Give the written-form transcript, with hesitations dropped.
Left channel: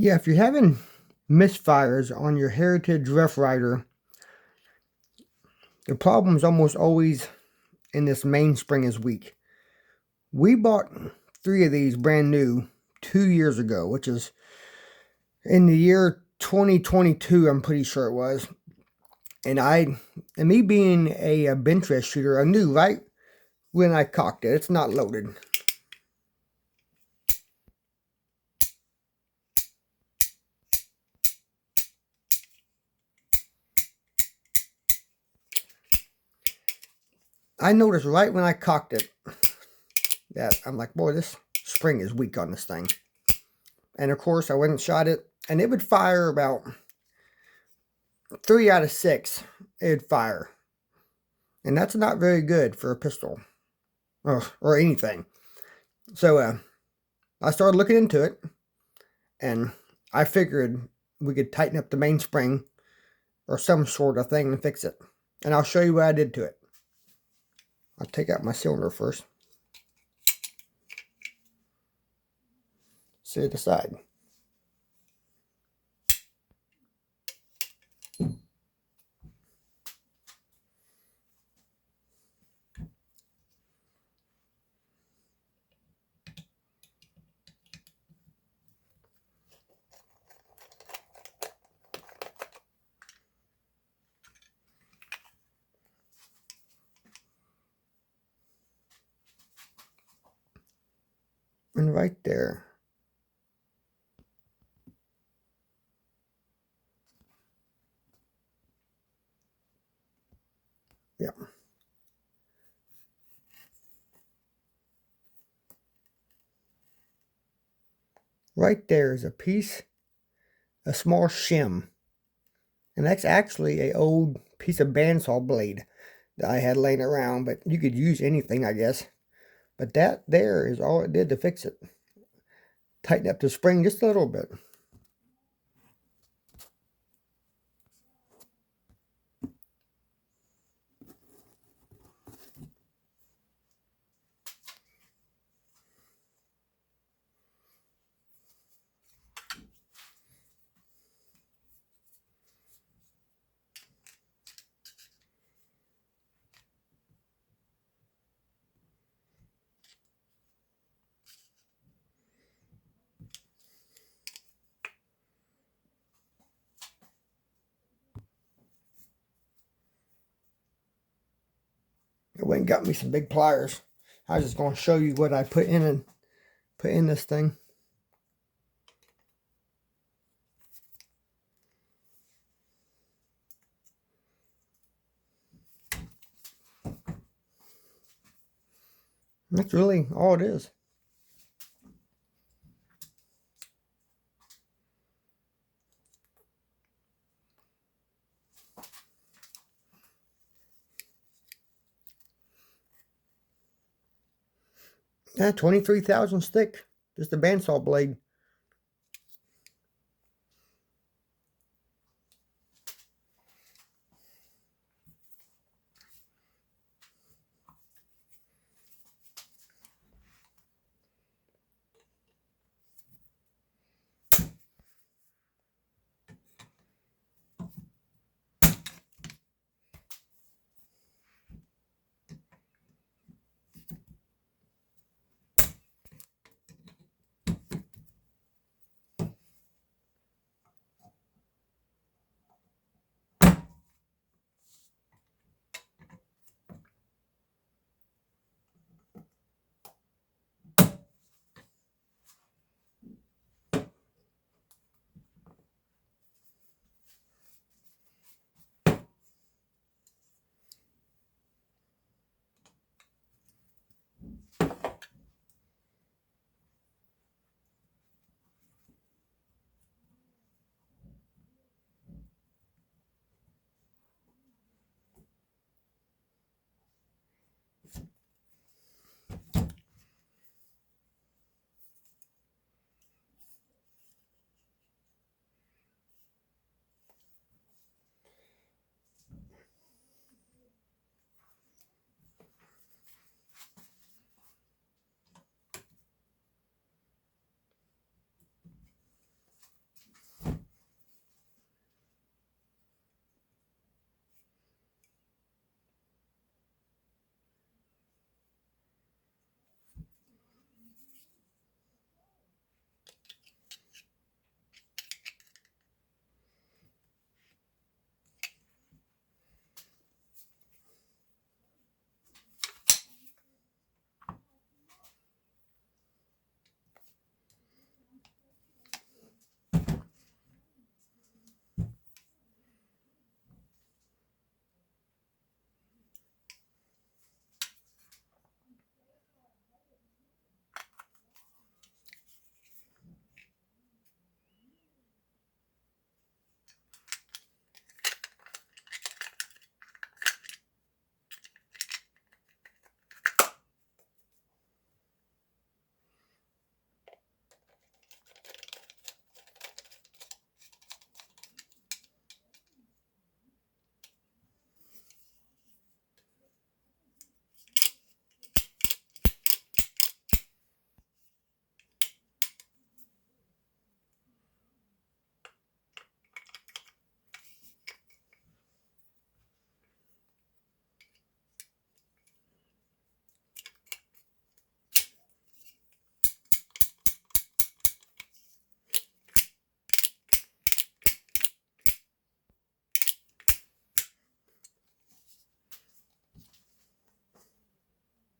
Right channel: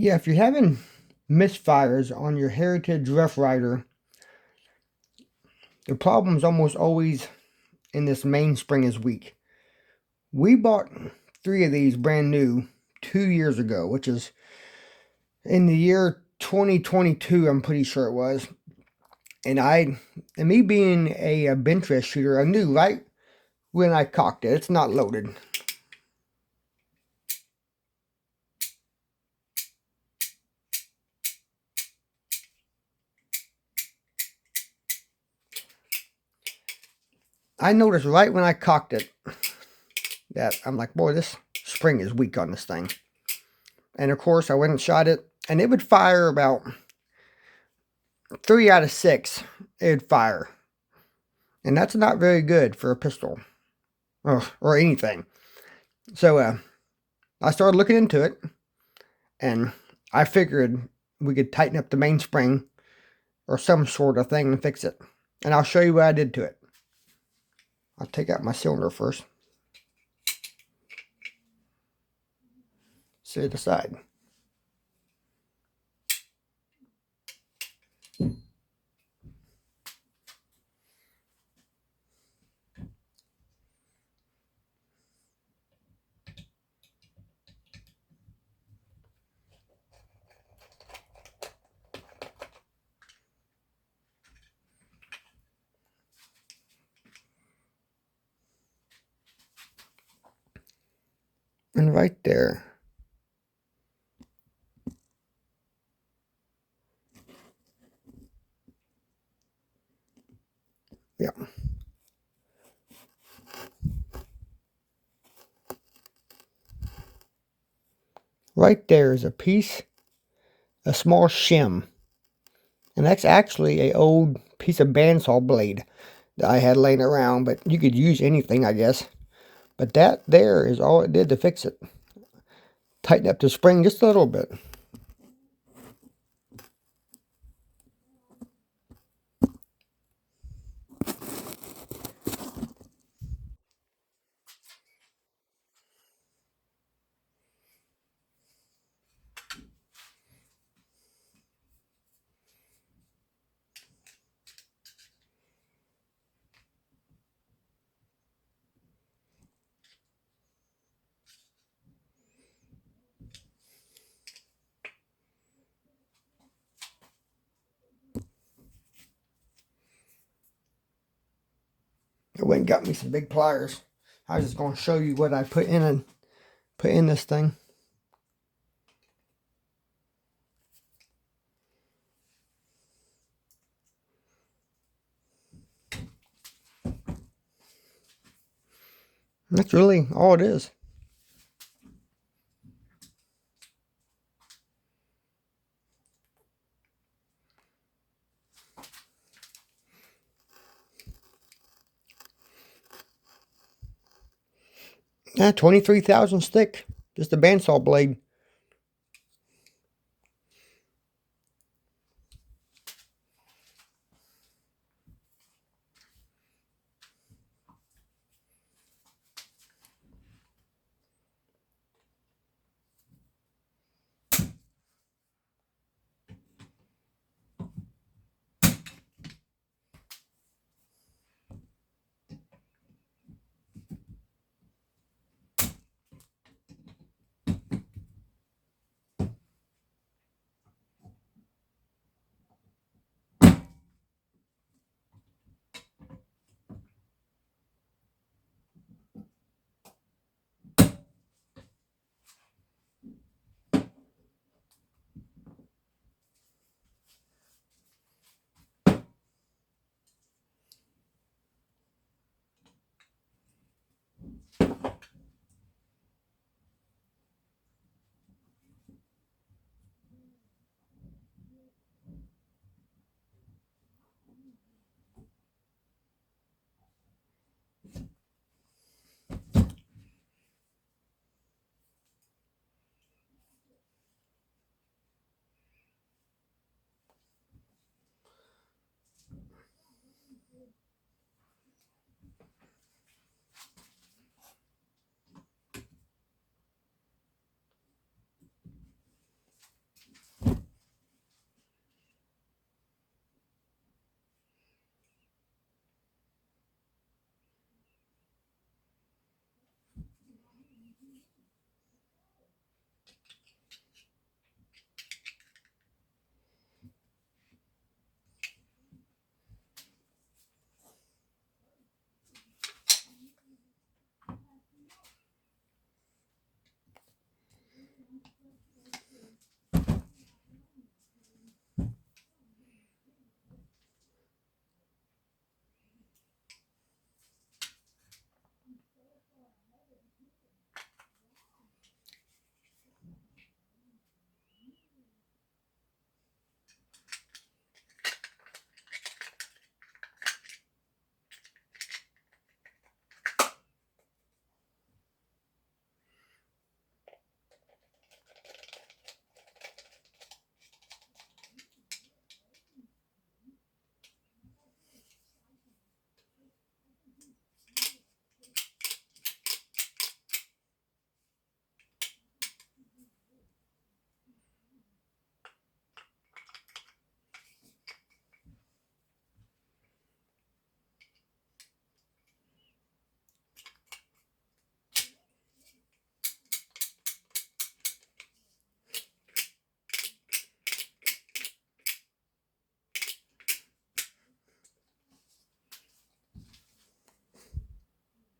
Yeah, if you're having misfires on your Heritage Rough Rider, the problem's almost always in this mainspring is weak. We bought 3 of these brand new 2 years ago, which is in the year 2022, I'm pretty sure it was. And me being a Binterest shooter, I knew right when I cocked it, it's not loaded. I noticed right when I cocked it that I'm like, boy, this spring is weak on this thing. And of course, I went and shot it, and it would fire about 3 out of 6. It'd fire. And that's not very good for a pistol or anything. So I started looking into it, and I figured we could tighten up the mainspring or some sort of thing and fix it. And I'll show you what I did to it. I'll take out my cylinder first. Set it aside. And right there, yeah. Right there is a small shim. And that's actually an old piece of bandsaw blade that I had laying around, but you could use anything, I guess. But that there is all it did to fix it. Tighten up the spring just a little bit. I went and got me some big pliers. I was just going to show you what I put in this thing. That's really all it is. Yeah, 23 thousandths thick. Just a bandsaw blade.